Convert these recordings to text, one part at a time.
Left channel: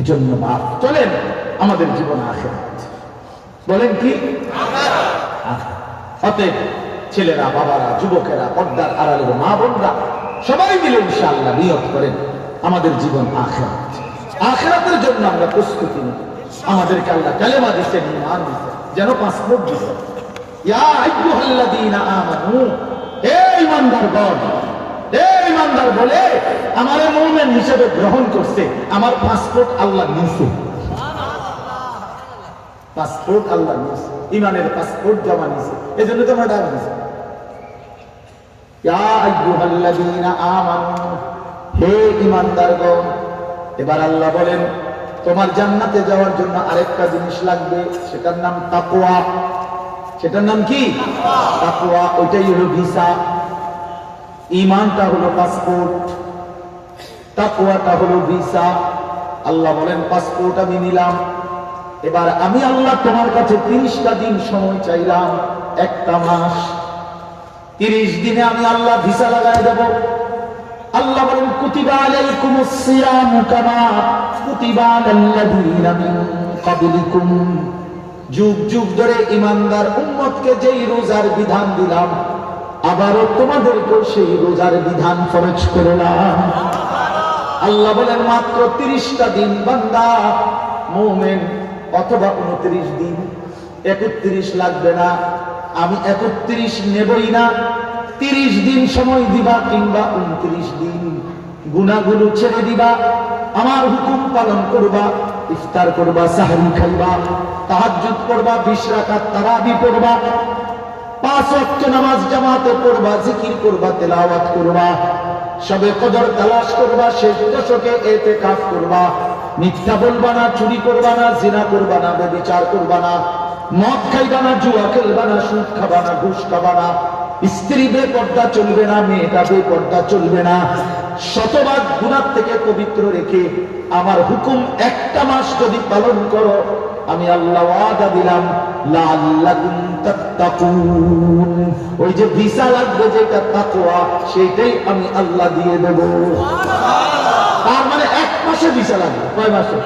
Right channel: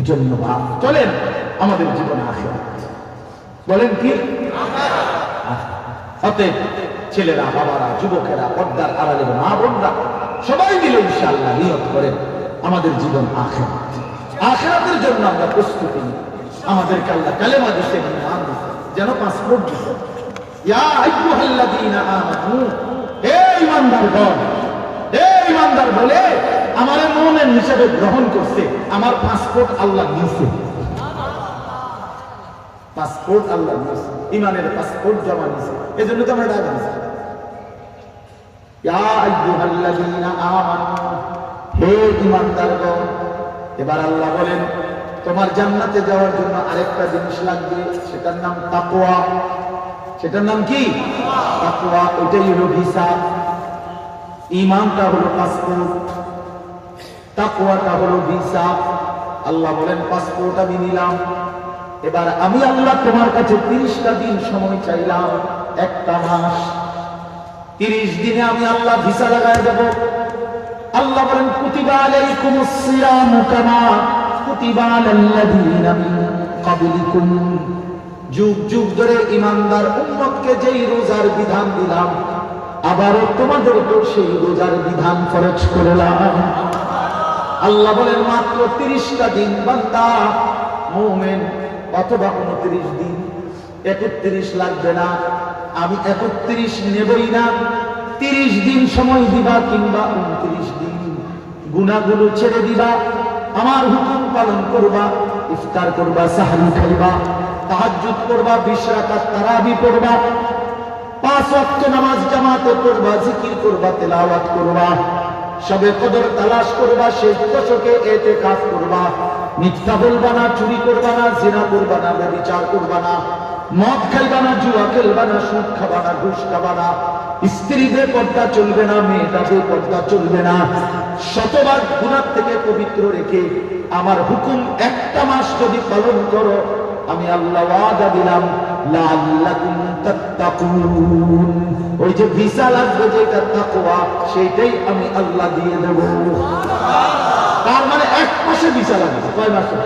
এজন্য বাপ চলেন আমাদের জীবন আখিরাত, বলেন কি অতএব ছেলেরা, বাবারা, যুবকেরা, পর্দার আড়ালের মা বোনরা সবাই মিলে ইনশাআল্লাহ নিয়ত করেন আমাদের জীবন আখিরাত। আখিরাতের জন্য আমরা প্রস্তুতি নিই। আমাদেরকে আল্লাহ কালেমা দিয়েছেন, ঈমান দিয়েছেন, যেন পাসপোর্ট দিয়েছেন। ইয়া আইয়ুহাল্লাযীনা আমানু, হে ঈমানদারগণ, হে ঈমানদার বলে আমারে মুমিন হিসেবে গ্রহণ করছে, আমার পাসপোর্ট আল্লাহ নিয়েছে। পাসপোর্ট আল্লাহ নিয়েছে, ঈমানের পাসপোর্ট জমা নিয়েছে, এজন্য তো আমরা ডাক দিয়েছি ইয়া আইয়ুহাল্লাযীনা আমানু, হে ঈমানদারগণ। এবার আল্লাহ বলেন তোমার জান্নাতে যাওয়ার জন্য আরেকটা জিনিস লাগবে, সেটার নাম তাকওয়া। সেটার নাম কি? তাকওয়া। ওইটাই হলো ভিসা। ঈমানটা হলো পাসপোর্ট, তাকওয়াটা হলো ভিসা। আল্লাহ বলেন পাসপোর্ট আমি নিলাম, এবার আমি আল্লাহ তোমার কাছে 30টা দিন সময় চাইলাম, একটা মাস। 30 দিনে আমি আল্লাহ ভিসা লাগায় দেব। আল্লাহ বলেন কুতিবা আলাইকুমুস সিয়ামু কামা কুতিবা আলাল্লাযীনা মিন ক্বাবলিকুম, যুগ যুগ ধরে ঈমানদার উম্মতকে যেই রোজার বিধান দিলাম, আবারও তোমাদেরকেও সেই রোজার বিধান ফরজ করলাম। আল্লাহ বলেন মাত্র 30টা দিন বান্দা মুমিন, অথবা 29 দিন, 31 লাগবে না, আমি 31 নেবই না। 30 দিন সময় দিবা কিংবা 29 দিন, গুনাহগুলো ছেড়ে দিবা, আমার হুকুম পালন করবা, ইফতার করবা, সাহরি খাইবা, তাহাজ্জুদ করবা, 20 রাকাত তারাবি পড়বা, 5 ওয়াক্ত নামাজ জামাতে পড়বা, জিকির করবা, তেলাওয়াত করবা, শবে কদর তালাশ করবা, শেষ দশকে ইতিকাফ করবা, মিথ্যা বলবা না, চুরি করবা না, জিনা করবা না, ব্যভিচার করবা না, মদ খাইবা না, জুয়া খেলবা না, সুদ খাবা না, ঘুষ খাবা না, স্ত্রী বেপর্দা চলবে না, মেয়েটা বেপর্দা চলবে না, শতভাগ গুনাহ থেকে পবিত্র রেখে আমার হুকুম একটা মাস যদি পালন করো, আমি আল্লাহ ওয়াদা দিলাম লাআল্লাকুম তাত্তাকুন, ওই যে ভিসা লাগবে যেটা তাকওয়া, সেটাই আমি আল্লাহ দিয়ে দেব। তার মানে 1 মাসে ভিসা লাগবে। কয় মাসে?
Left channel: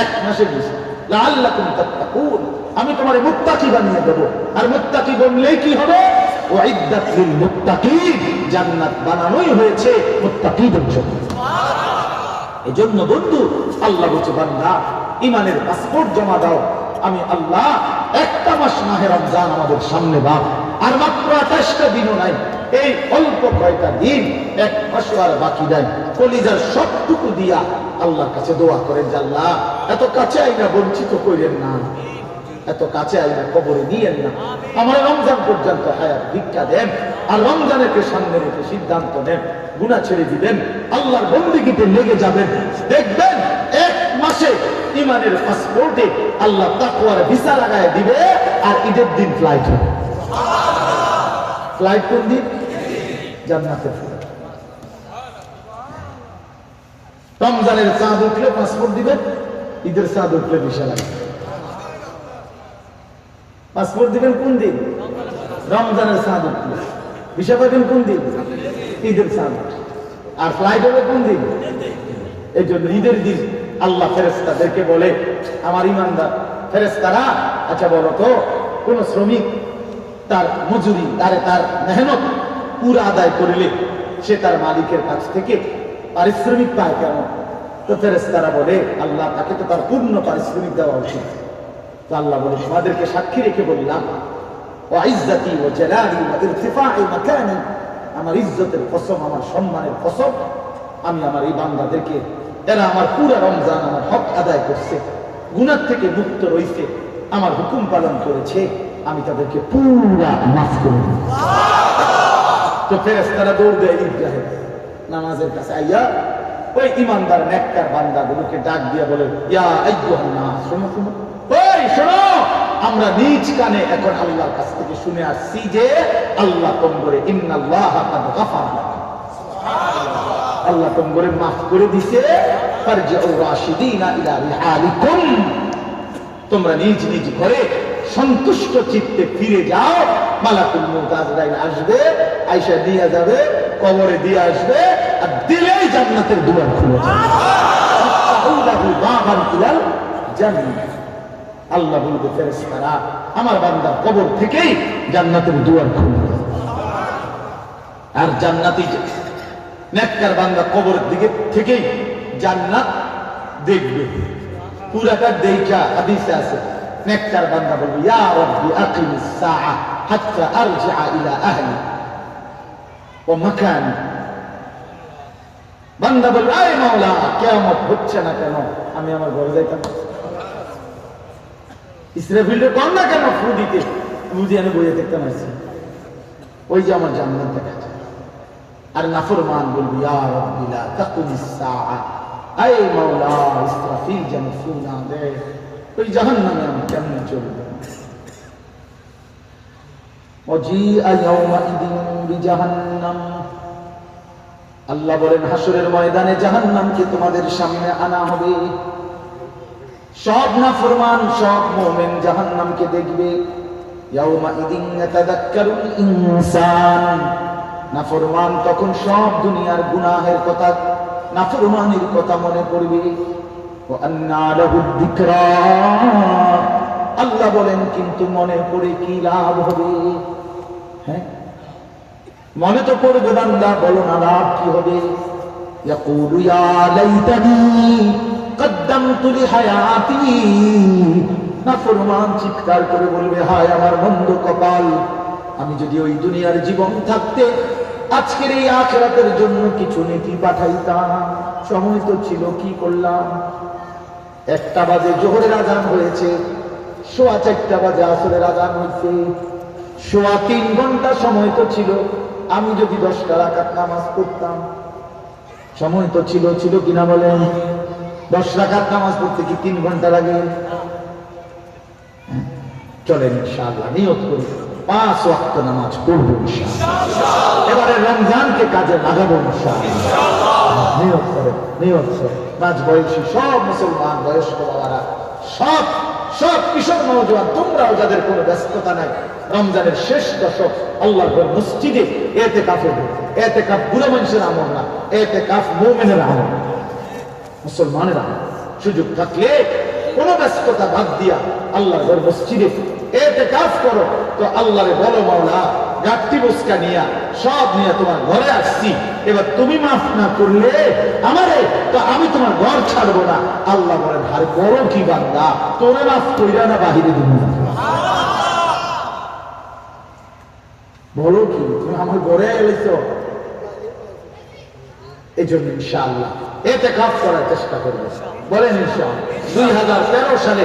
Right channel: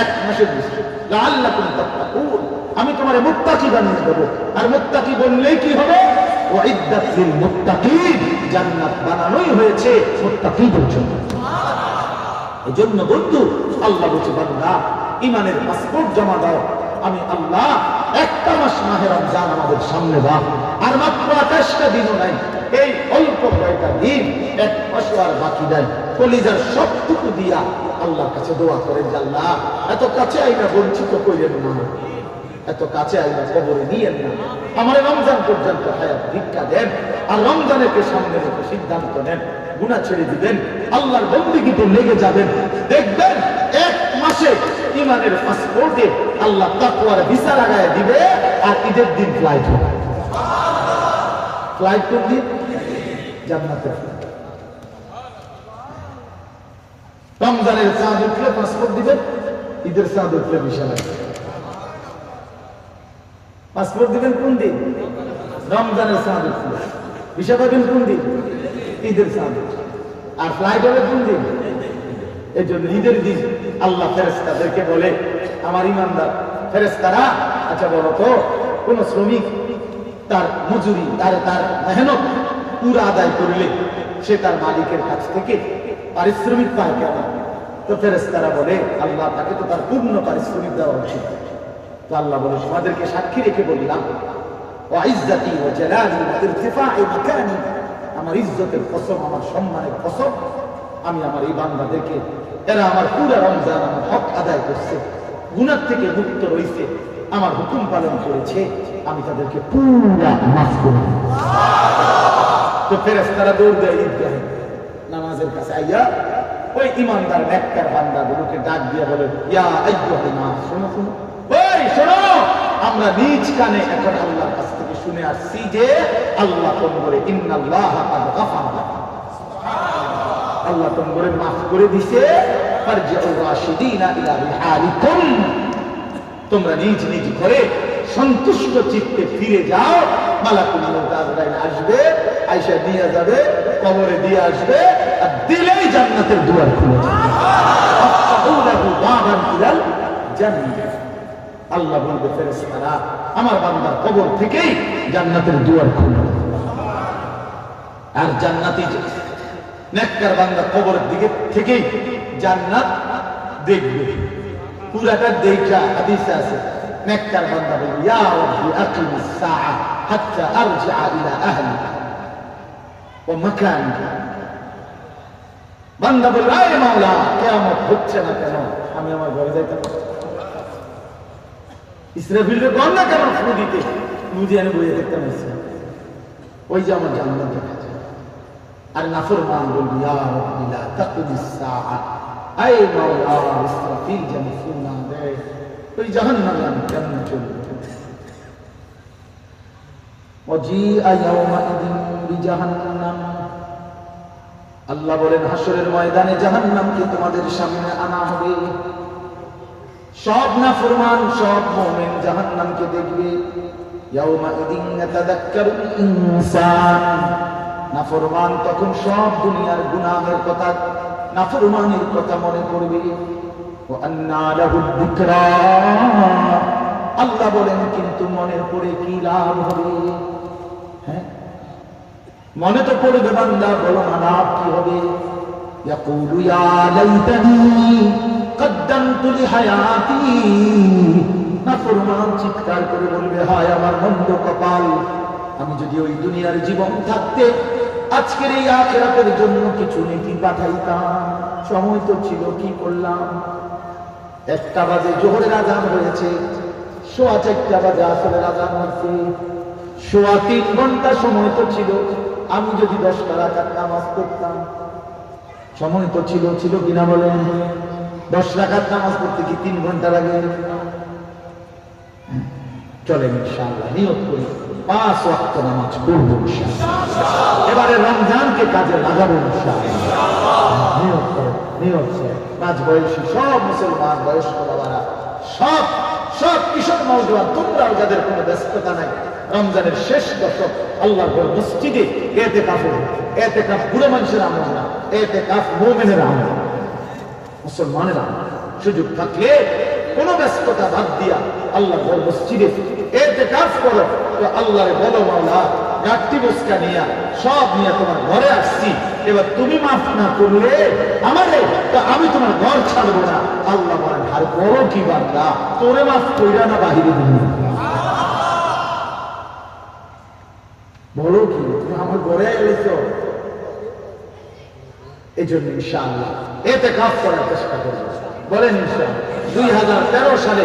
1 মাসে ভিসা। লাআল্লাকুম তাত্তাকুন, আমি তোমারে মুত্তাকি বানিয়ে দেব। আর মুত্তাকি বললেই কি হবে? ওয়াইদ্দাত লিল মুত্তাকিন, জান্নাত বানানোই হয়েছে মুত্তাকিদের জন্য। এজন্য বন্ধু আল্লাহ বলছে বান্দা ঈমানের পাসপোর্ট জমা দাও, আমি আল্লাহ একটা মাস মাহে রমজান আমাদের সামনে দাও, আর মাত্র 28টা দিনও নাই, এই অল্প কয়টা দিন, 1 মাসও আর বাকি নাই। কলিজার সবটুকু দিয়া আল্লাহর কাছে দোয়া করেন যে আল্লাহ এত কাছে আইনা বঞ্চিত করেন না, এত কাছে আইনা কবরে নিয়েন না, আমার রমজান পর্যন্ত হায়াত ভিক্ষা দেন, আর রমজানেরকে সামনে রেখে সিদ্ধান্ত নেন, গুনাহ ছেড়ে দিবেন, আল্লাহর বন্দেগীতে লেগে যাবেন, দেখবেন 1 মাসে ঈমানের পাসপোর্টে আল্লাহ তাকওয়ার ভিসা লাগায় দিবে, আর ঈদের দিন ফ্লাইট হবে। ফ্লাইট কোন দিন? জান্নাতের ফ্লাইট। রমজানের চাঁদ উঠলে পাসপোর্ট দিবেন, ঈদের চাঁদ উঠলে ভিসা লাগবে। পাসপোর্ট দিবেন কোন দিন? রমজানের চাঁদ উঠলে। ভিসা পাবেন কোন দিন? ঈদের চাঁদ উঠলে। আর ফ্লাইট হবে কোন দিন? এই জন্য ঈদের দিন আল্লাহ ফেরেশতাদেরকে বলে, আমার ঈমানদার ফেরেশতারা, আচ্ছা বলো তো, কোন শ্রমিক তার মজুরি, তার মেহনত পুরা আদায় করলে সে তার মালিকের কাছ থেকে পারিশ্রমিক পায় কেমন? তো ফেরেশতারা বলে আল্লাহ তাকে তো তার পূর্ণ পারিশ্রমিক দেওয়া উচিত। তো আল্লাহ বলে তোমাদেরকে সাক্ষী রেখে বললাম, ওয়া ইজ্জতি ওয়া জালালি ওয়া ইরতিফা'i মাকানি, আমার ইজ্জতের কসম, আমার সম্মানের কসম, আমি আমার এই বান্দাদেরকে, এরা আমার পুরো রমজান আমার হক আদায় করছে, গুনাহ থেকে মুক্ত রইছে, আমার হুকুম পালন করেছে, আমি তাদেরকে পুরা মাফ করে দেব। তো ফেরেশতারা দৌড় দেয় ঈদগাহে নামাজের কাছে, আইয়া ওই ঈমানদার নেককার বান্দাগুলোকে ডাক দিয়ে বলে, ইয়া আইয়ুহান নাস, শোনো শোনো, ওই শোনো, আমরা নিজ কানে এখন আল্লাহর কাছ থেকে শুনে আসছি যে আল্লাহ তোমরে ইন্নাল্লাহা কাদ গাফারা লাকুম, আল্লাহ তোমরে মাফ করে দিয়েছে, ফারজিউ রাশিদিনা ইলা রিহালিকুম, তোমরা নিজ নিজ ঘরে সন্তুষ্ট চিত্তে ফিরে যাও। মালাকুল মউত আজরাইল আসবে, আয়েশা দিয়ে যাবে, কবরে দিয়ে আসবে, আর দিলেই জান্নাতের দুয়ার খুলে যাবে। ফাফতাহু লাহু বাবান ইলাল জান্নাহ। আল্লাহ বলবে ফেরেশতারা আমার বান্দা কবর থেকেই জান্নাতের দুয়ার খুলবে। আর জান্নাতি নেককার বান্দা কবরের দিকে থেকেই জান্নাত দেখবে। পুরাটা দেখা হাদিসে আছে নেককার বান্দা বলবে ইয়া রাব্বি আকিমিস সাআ হাত্তা আরজিআ ইলা আহলি ওয়া মাকানি। বান্দা বলবে আয় মাওলা কিয়ামত হচ্ছে না কেন, আমি আমার ঘরে যাইতাম। ইসরাফিলের কোন না কেন ফু দিতে বুঝি আমি বইয়ে দেখতাম আসছি, ওই যে আমার জান্নাত দেখা যায়। আর নাফরমান বলবি ইয়া রাব্বি লা তাকুমিস সাআ, আয় মাওলা ইসরাফিল যেন ফু না দেয়, ওই জাহান্নামে আমি কেমনে চলব। ওয়াজিআ ইয়াওমাইদিন বিজাহান্নাম, আল্লাহ বলেন হাসরের ময়দানে জাহান্নামকে তোমাদের সামনে আনা হবে। সব নাফরমান সব মুমিন জাহান্নামকে দেখবে। ইয়াওমাইদিন ইয়াতাযাক্কারুল ইনসান, নাফরমান তখন সব দুনিয়ার গুনাহের কথা, নাফরমানির কথা মনে পড়বে। ওয়া আন্না লাহুদ যিকরা, আল্লাহ বলেন কিন্তু মনে পড়ে কি লাভ হবে? হ্যাঁ মনে তো পড়বে বান্দা, বলো না লাভ কি হবে? ইয়াকুলু ইয়া লাইতানি কদ্দামতু লিহায়াতি, নাফরমান চিৎকার করে বলবে হায় আমার মন্দ কপাল, আমি যদি ওই দুনিয়ার জীবন থাকতে আজকের এই আখিরাতের জন্য কিছু নেকি পাঠাইতাম। সময় তো ছিল, কি করলাম? 1টা বাজে জোহরের আজান হয়েছে, 4:15 বাজে আসরের আজান হয়েছে, 3.25 ঘন্টা সময় তো ছিল, আমি যদি 10টা রাকাত নামাজ পড়তাম। সময় তো ছিল, ছিল কিনা বলেন? 10 রাকাত নামাজ পড়তে কি 3 ঘন্টা লাগে? চলেন ইনশাআল্লাহ নিয়ত করি 5 ওয়াক্ত নামাজ পড়বো ইনশাআল্লাহ। এবারে রমজানকে কাজে লাগাবো ইনশাআল্লাহ। নিয়ত করে, নিয়ত করে। মাঝ বয়সী সব মুসলমান বয়স্ক বাবারা, সব সব কিশোর নওজোয়ান, তোমরাও যাদের কোনো ব্যস্ততা নাই, রমজানের শেষ দশক আল্লাহর ঘর মসজিদে ইতিকাফে। ইতিকাফ বুড়ো মানুষের আমল না, ইতিকাফ মুমিনের আমল, মুসলমানের আমল। সুযোগ থাকলে কোনো ব্যস্ততা বাদ দিয়া আল্লাহর ঘর মসজিদে ইতিকাফ করো। তো আল্লাহরে বলো মাওলা গাট্টি বসকা নিয়া সব নিয়ে তোমার ঘরে আসছি, এবার তুমি মাফ না করলে আমারে, তো আমি তোমার ঘর ছাড়বো না। আল্লাহ বলেন হারে বড় কি বান্দা, তোরে মাফ কইরা না বাহিরে দিবি? বলো কি তুমি আমার ঘরে এলেছো? এই জন্য ইনশাআল্লাহ ইতিকাফ করার চেষ্টা করবো। বলেন ইনশাআল্লাহ। 2013 সালে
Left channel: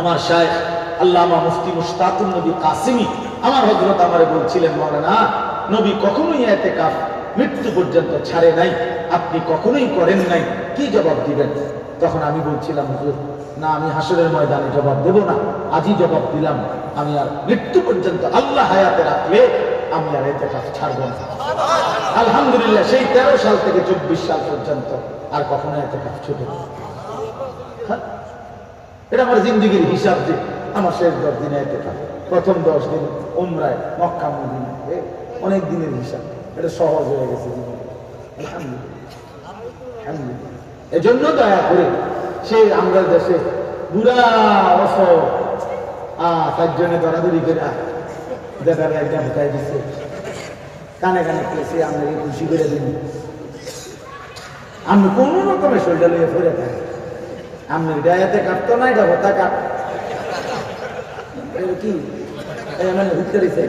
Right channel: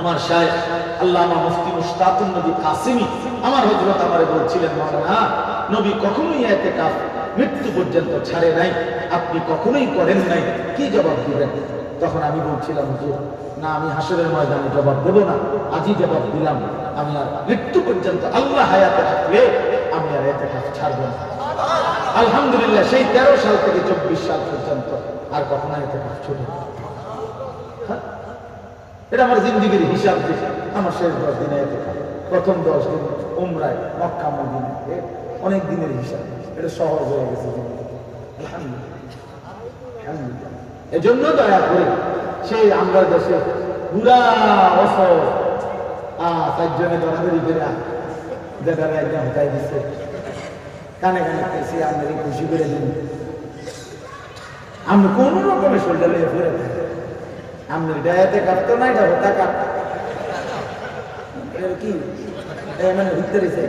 আমার শায়েখ আল্লামা মুফতি মুশতাকুন নবী কাসিমি আমার হযরত আমারে বলছিলেন, মাওলানা নবী কখনোই ইতিকাফ মৃত্যু পর্যন্ত ছাড়ে নাই, আপনি কখনোই করেন নাই, কি জবাব দিবেন? তখন আমি বলছিলাম হুজুর না, আমি হাসরের ময়দানে জবাব দেব না, আজই জবাব দিলাম, আমি আর মৃত্যু পর্যন্ত আল্লাহ হায়াতে রাখলে আমি আর ইতিকাফ ছাড়ব না। আলহামদুলিল্লাহ সেই 13 সাল থেকে 24 সাল পর্যন্ত আর কখনো ইতিকাফ ছুটে না। এটা আমার জিন্দেগির হিসাব। যে আমার শেষ 10 দিনে ইতিকাফ, প্রথম 10 দিন উমরায় মক্কা মদিনা, অনেক দিনের হিসাব। এটা সহজ হয়ে গেছে জীবনে, আলহামদুলিল্লাহ আলহামদুলিল্লাহ। এজন্য দয়া করে সেই আমরা দেশে বুড়া অসর 4 জনে দরাদরি করে দেদারে একদম হটাই দিচ্ছে, কানে কানে পেয়েছি আপনাকে খুশি করে দিন। আমি কোন রকমের শরীরটা লইয়া ফিরে থাকি, আপনি ডায়াতে কাটতো না, এটা হতা কাট কি মানে ঘুরতে দিচ্ছে।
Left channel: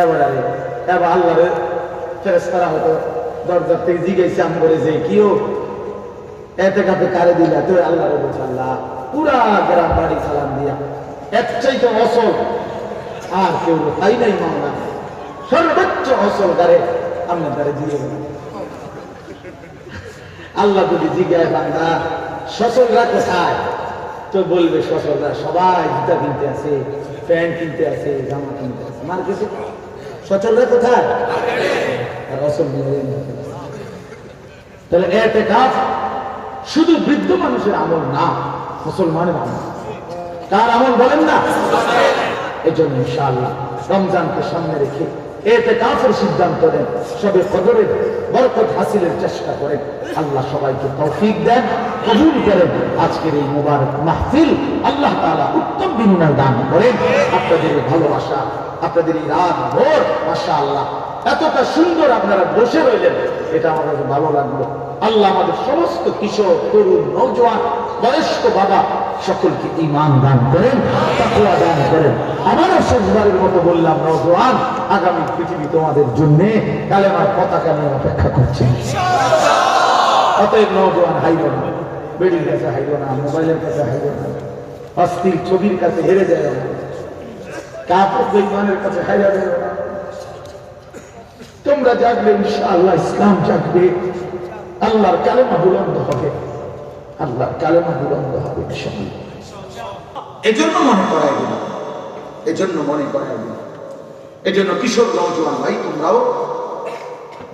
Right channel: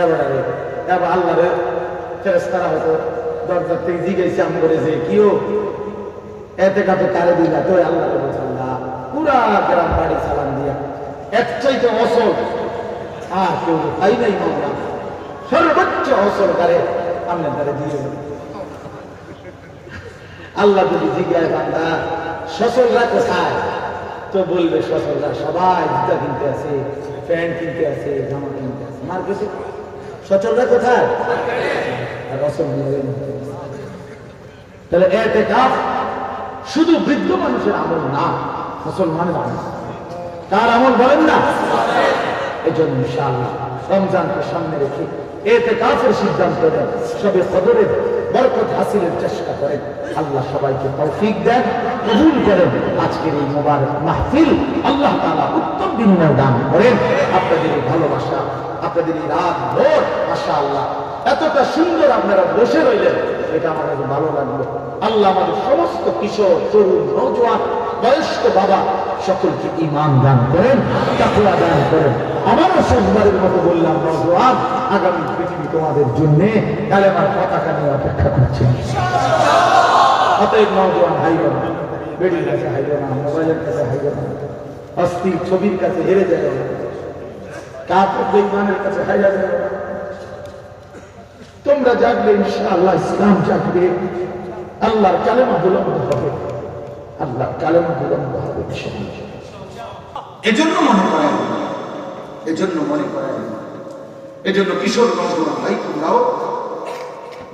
এবারে এবার আল্লাহরে ফেরেশতারা হয়তো দরজার থেকে জিজ্ঞাসা আম করে যে কিও এতে কাপে কারে দিলা, তো আল্লাহরে বলছে আল্লাহ পুরা গ্রাম বাড়ি সালাম দিয়া এক চাইতে অসল আর কেউ পাই নাই মামলা, সর্বোচ্চ অসল গারে আপনার দ্বারে দিয়ে গেল। আল্লাহ যদি জিজ্ঞাসা বান্দা সচলরা কোথায়, তো বলবে সচলরা সবাই জুতা কিনতে আছে, প্যান্ট কিনতে আছে, জামা কিনতে আছে মার্কেটে। সচলরা কোথায়? আর অসল নিয়ে। তাহলে ইতিকাফ শুধু বৃদ্ধ মানুষের আমল না, মুসলমানের আমল। কার আমল বলেন না? এই জন্য ইনশাআল্লাহ রমজানকে সামনে রেখে ইতিকাফের সিদ্ধান্ত নেন। সবে কদরের বরকত হাসিলের চেষ্টা করেন। আল্লাহ সবাইকে তৌফিক দেন, কবুল করেন। আজকের এই মোবারক মাহফিল আল্লাহ তাআলা উত্তম বিনিময় দান করেন। আপনাদের এই ভালোবাসা, আপনাদের এই রাত ভোর মাশাআল্লাহ এতটা সুন্দর আপনারা বসে রইলেন, এটা আমার কাছে ভালো লাগলো। আল্লাহ আমাদের সমস্ত কিশোর, তরুণ, নওজোয়ান, বয়স্ক বাবা সকলকে ঈমান দান করেন, তাকওয়া দান করেন। আমারও শেষবারের মতো বললাম, নওজোয়ান, আগামী পৃথিবী তোমাদের জন্য কালেমার পতাকা নিয়ে অপেক্ষা করছে। অতএব নওজোয়ান হাইল না, বেডির কাছে হাইল না, মোবাইলের কাছে হাইল না, অস্থির ছবির কাছে হেরে যায় না, কাপড় বেঈমানের কাছে হাইরা যায় না। তোমরা জাগলে ইনশাআল্লাহ ইসলাম জাগবে, আল্লাহর কালেমা বুলন্দ হবে, আল্লাহর কালেমা বুলন্দ হবে ইনশাআল্লাহ। এজন্য মনে করাই দিল, এজন্য মনে করাই দিল, এজন্য কিশোর নওজোয়ান ভাই তোমরাও,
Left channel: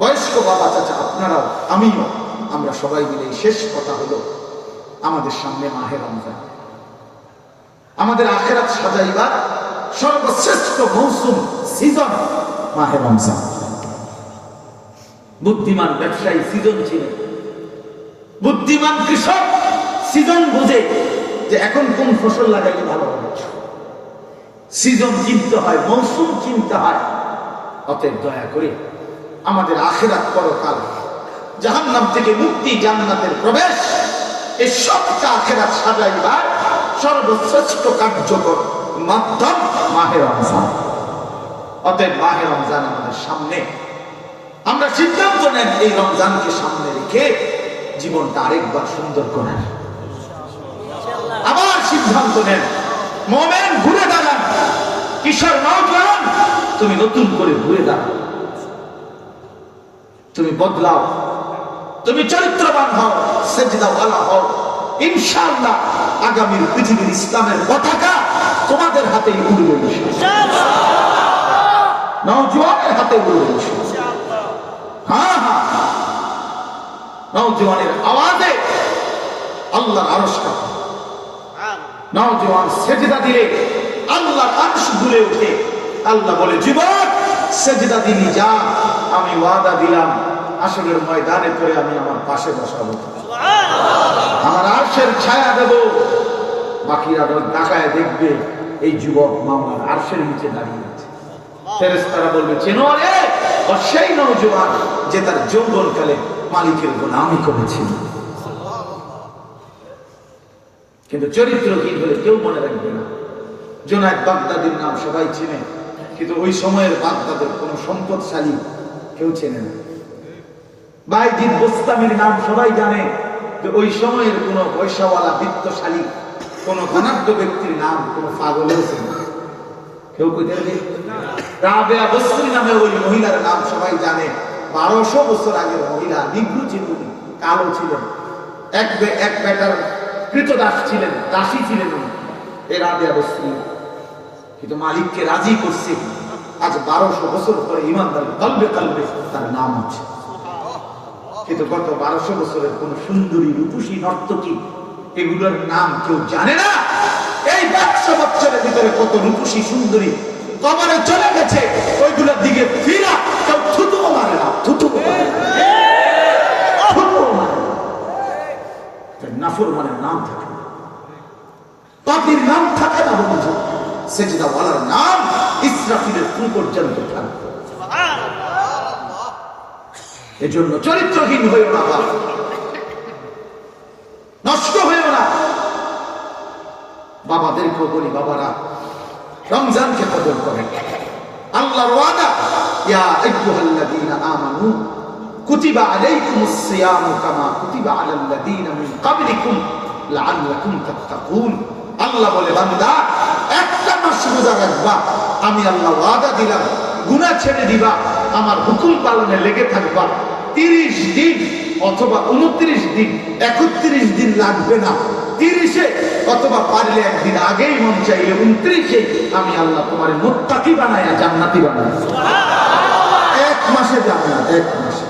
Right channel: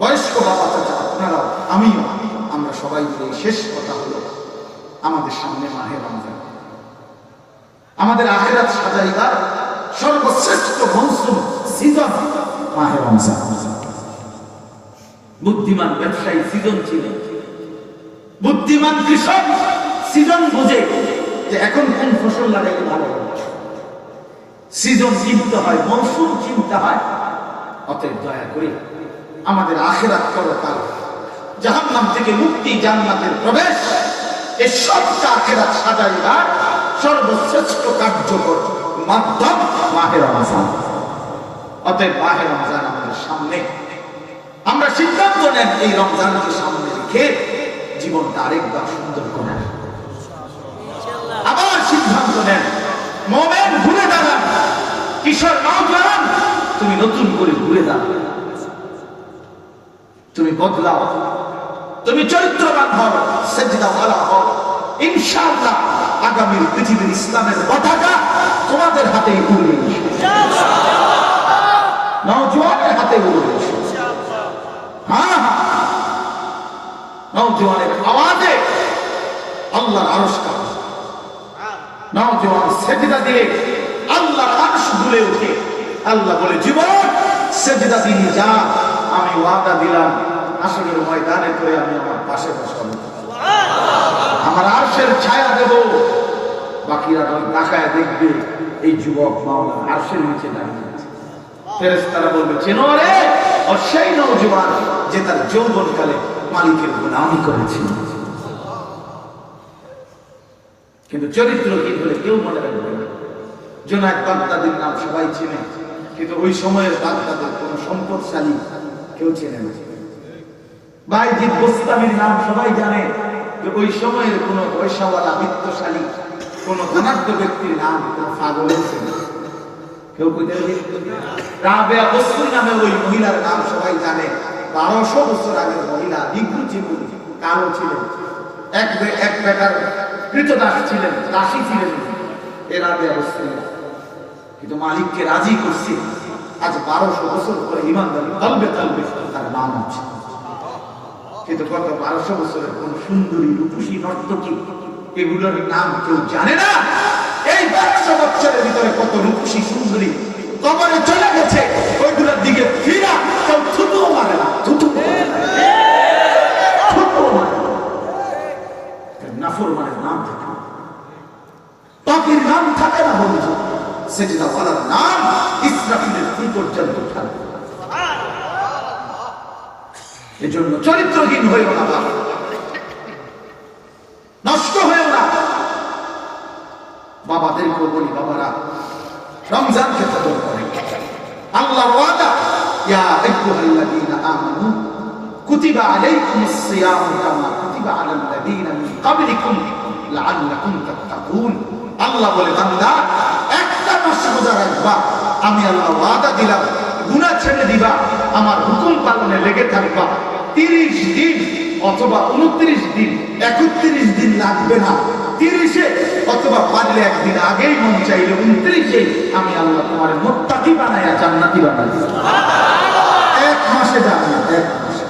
বয়স্ক বাবা চাচা আপনারাও, আমিও, আমরা সবাই মিলে এই শেষ কথা হলো, আমাদের সামনে মাহে রমজান, আমাদের আখিরাত সাজাইবার সর্বশ্রেষ্ঠ মৌসুম, সিজন মাহে রমজান। বুদ্ধিমান ব্যবসায়ী সিজন চিনে, বুদ্ধিমান কৃষক সিজন বুঝে যে এখন কোন ফসল লাগাইলে ভালো হবে। সিজন চিনতে হয়, মৌসুম চিনতে হয়। অতএব দয়া করে আমাদের আখিরাত পরকাল, জাহান্নাম থেকে মুক্তি, জান্নাতের প্রবেশ, এই সবটা আখিরাত সাজাইবার সর্বশ্রেষ্ঠ কার্যকর মাধ্যম মাহে রমজান। অতএব মাহে রমজান আমাদের সামনে, আমরা সিদ্ধান্ত নেন এই রমজানকে সামনে রেখে জীবনটা আরেকবার সুন্দর করেন। আবার সিদ্ধান্ত নেন, মোমেন ঘুরে দাঁড়ান, কিশোর নওজোয়ান তুমি নতুন করে ঘুরে দাঁড়ান, তুমি বদলাও, তুমি চরিত্রবান হও, সেজদাওয়ালা হও। ইনশাআল্লাহ আগামী পৃথিবীর ইসলামের পতাকা তোমাদের হাতেই উড়বে, নওজোয়ানের হাতে উড়বে। হ্যাঁ হ্যাঁ, নওজোয়ানের আওয়াজে আল্লাহর আরশ কাঁপে, নওজোয়ান সেজদা দিলে আল্লাহর আরশ দুলে ওঠে। আল্লাহ বলে, যুবক সেজদা দিলি যা, আমি ওয়াদা দিলাম আসরের ময়দানে করে আমি আমার পাশে বসাবো, আমার আরশের ছায়া দেব। বাকিরা তাকায় দেখবে এই যুবক মাওলার আরশের নিচে দাঁড়িয়ে আছে। ফেরেশতারা বলবে, চেনো রে, ও সেই নওজোয়ান যে তার যৌবনকালে মালিকের গোলামি করেছিল। কিন্তু চরিত্রহীন হলে কেউ মনে রাখবে না। জুনায়েদ বাগদাদির নাম সবাই চেনে, কিন্তু ওই সময়ের বাগদাদের কোন সম্পদশালী কেউ চেনে না। বাইজিদ বোস্তামির নাম সবাই জানে, যে ওই সময়ের কোন পয়সাওয়ালা বিত্তশালী কোন ধনাঢ্য ব্যক্তির নাম কোন পাগলেও চেনে না। কেউ রাবেয়া বসরি নামে ওই মহিলার নাম সবাই জানে। 1200 বছর আগের মহিলা, নিগ্রু চিকুনি, কালো ছিলেন, এক বেটার কৃতদাস ছিলেন, দাসী ছিলেন এই রাবেয়া বসরি। কিন্তু মালিককে রাজি করছে, আজ 1200 বছর পরে ইমানদারি তলবে তলবে তার নাম আছে। কিন্তু গত 1200 বছরের কোন সুন্দরী, রূপসী, নর্তকী এগুলোর নাম কেউ জানে না। এই 100 বছরের ভিতরে কত রূপসী সুন্দরী কবরে চলে গেছে, ওইগুলোর দিকে ফিরা কেউ থুতুও মারে না, নাফরমানের নাম থাকে না, পাপীর নাম থাকে না, বন্ধু সেজদাওয়ালার নাম ইসরাফিলের ফুল পর্যন্ত থাকবে। এজন্য চরিত্রহীন হয়েও না, নষ্ট হয়েও না। বাবাদেরকেও বলি, বাবারা রমজানকে কদর করেন। আল্লাহর ওয়াদা, ইয়া আইয়ুহাল্লাযীনা আমানু কুতিবা আলাইকুমুস সিয়ামু কামা কুতিবা আলাল্লাযীনা মিন ক্বাবলিকুম লাআল্লাকুম তাত্তাকুন। আল্লাহ বলে, বান্দা একটা মাস রোজা রাখবা, আমি আল্লাহ ওয়াদা দিলাম গুনাহ ছেড়ে দিবা, আমার হুকুম পালনে লেগে থাকবা। 30 দিন অথবা 29 দিন, 31 দিন লাগবে না, 30-এ অথবা পারলে একদিন আগেই, মন চাইলে 29-এ আমি আল্লাহ তোমার মুত্তাকি বানায়া জান্নাতি বানাই। 1 মাসে জান্নাত, 1 মাসে।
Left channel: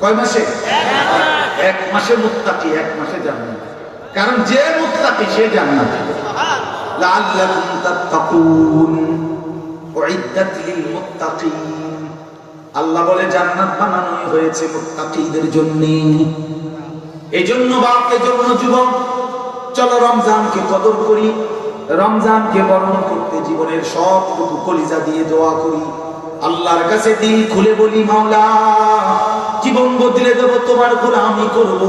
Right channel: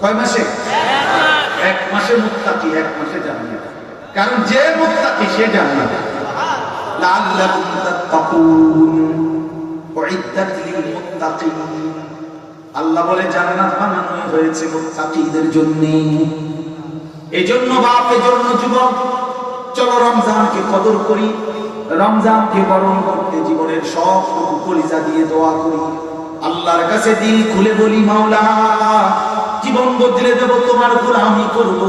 কয় মাসে? 1 মাসে মুত্তাকি, 1 মাসে জান্নাত। কারণ যে মুত্তাকি সে জান্নাত। লাআল্লাকুম তাত্তাকুন, উইদ্দাত লিল মুত্তাকিন। আল্লাহ বলে জান্নাত বানানো হয়েছে মুত্তাকিদের জন্য। এই জন্য বাপ, এই জন্য যুবক, চলো রমজানকে কদর করি, রমজানকে বরণ করতে জীবনের সবটুকু কলিজা দিয়ে দোয়া করি, আল্লাহর কাছে দিল খুলে বলি, মাওলা জীবন বদলে দেব, তোমার গোলামি করব।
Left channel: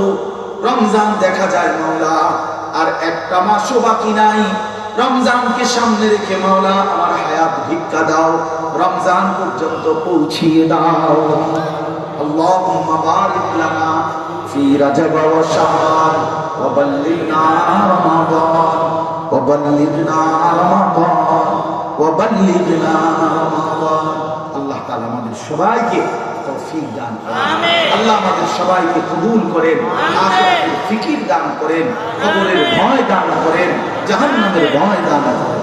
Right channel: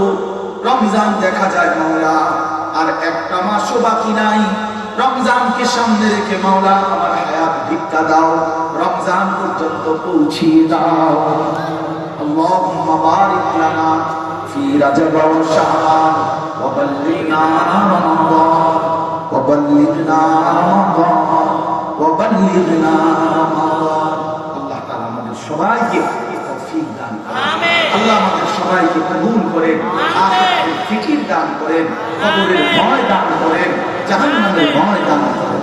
রমজান দেখা যায় মাওলা আর একটা মাসও বাকি নাই, রমজানকে সামনে রেখে মাওলা আমার হায়াত ভিক্ষা দাও, রমজান পর্যন্ত পৌঁছিয়ে দাও। আল্লাহুম্মা বারিক লানা ফি রাজব ওয়া শাবান ওয়া বাল্লিগনা রমাদান ওয়া বাল্লিগনা রমাদান ওয়া বাল্লিগনা রমাদান। আল্লাহ তাআলা আমাদের সবাইকে তৌফিক দান করেন, আমিন। আল্লাহ আমাদের সবাইকে কবুল করেন, আখিরাতের ফিকির দান করেন, কবরের ভয় দান করেন, জাহান্নামের ভয় দান করেন।